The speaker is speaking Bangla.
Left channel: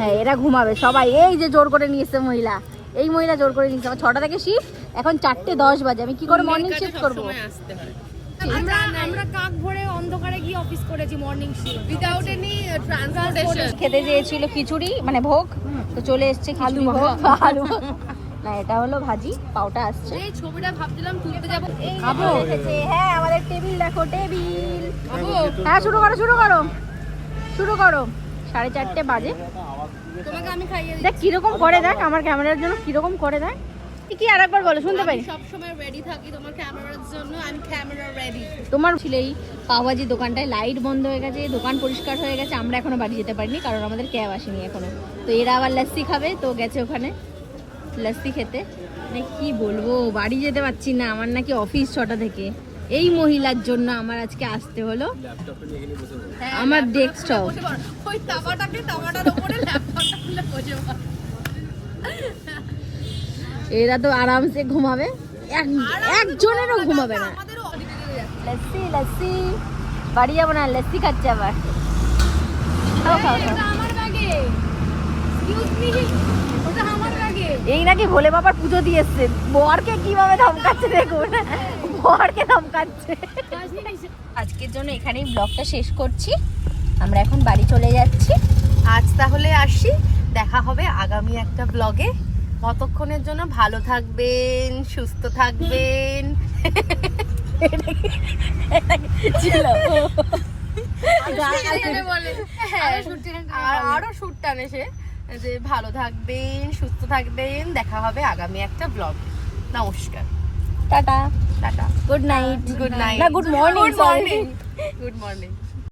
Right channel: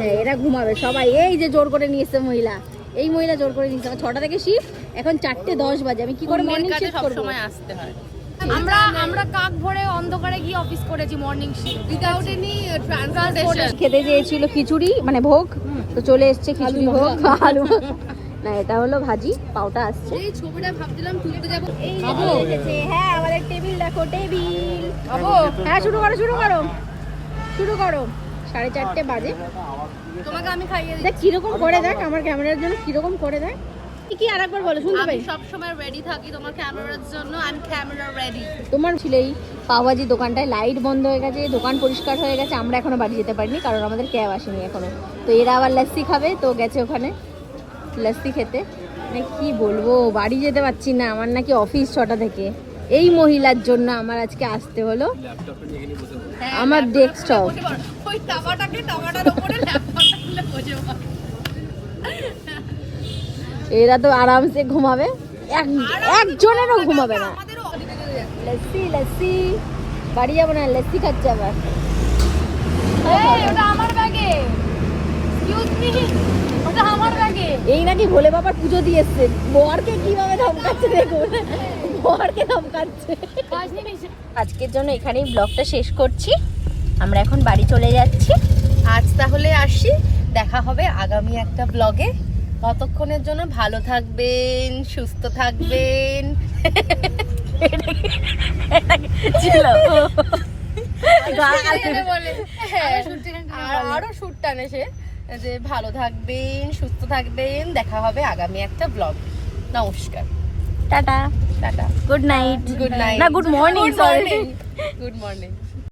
হ্যাঁ এরা ঘুমাবে সবাই। এই যে জোর করে নিয়ে এসছে মহিলা, এই মহিলা জোর করে নিয়ে এসছে। আমার 6টা থেকে শিফট, এখন 4:10 বাজে। আমি কি করে মর্নিং শিফট করবো? আসতে হয়। আমরা কাক ভরে অন্ধকারে গিয়ে অফিস করেছি morning shift without any transportation. খেতে চেয়েছিল খিচুড়ি মানে ভোগ, তো চলে এসছে আলু আলু না, এটা হলো ভাজি, পাউটা আসছে। এই ছবিটা ভাবছিলাম তুলতে যাবো। খাবো? হ্যাঁ আমাদের টেবিল দেখো, টেবিল খাবো? হ্যাঁ শুরু করো 4:30 বাজে। তোমাকে আমি খাইয়ে দেখ কিরকম করে, দেখ আমার ক্যামেরার জন্য কিরকম করে দেখ। কি আরেকবার বলো, শুনতে পাই। সব সময় রেডি থাকি তোমার ক্যামেরার জন্য। I am camera ready. তোমার ছিল এই পাওভাজি দোকানটায় লাইট বন্ধ হয়ে গেছে, দোকান পরিষ্কার হয়ে গেছে, আমরা এখনো বাড়ি যেতে পারিনি কারণ আমাদের ক্যাব আসেনি এখনো। তো এরা আবার লাস্সি খাবে, তো গেছে ওখানে লাস্সি খেতে। মানে কি বলবো, বাড়ি যেতে পারছি না, আমার নাকি অফিস 6টা থেকে। এই মহিলার জন্য আমার আজকে আসতে হলো আমার ডেস্কটপ। ওই টাকাটার উপরে ল্যাপটপটা খুলে বসে পড়ো। এরা তো আরামসে ঘুমাবে, একজনেরও ঘুমাবে না। লস্যি লস্যি, বাড়ি যাবো না, লস্যি খাচ্ছে আবার। খাও খাও খাও। আমার ব্যাগে এক্সকিউজ মি, ওটা আমার ব্যাগে। এই নাকি ভোলে বাবার পুজো দিয়ে এসছে, বরকে কিভাবে ধমকাচ্ছে দেখুন, বরকে ধমকাচ্ছে। আজকের জন্য এখানেই ব্লগটা শেষ করছি, আমরা এখন বাড়ি চলে যাচ্ছি। আজ তাহলে আসি, দেখা হবে আগামী একটা ব্লগে। ততক্ষণের জন্য ভালো থাকবেন, সুস্থ থাকবেন। আরো সুর টানে সে, যে ভালো থাকবেন, সুস্থ থাকবেন, দেখা হবে আগামী একটা ব্লগ। নমস্কার, tata tata, good night. Good night, না good morning, good morning, good morning.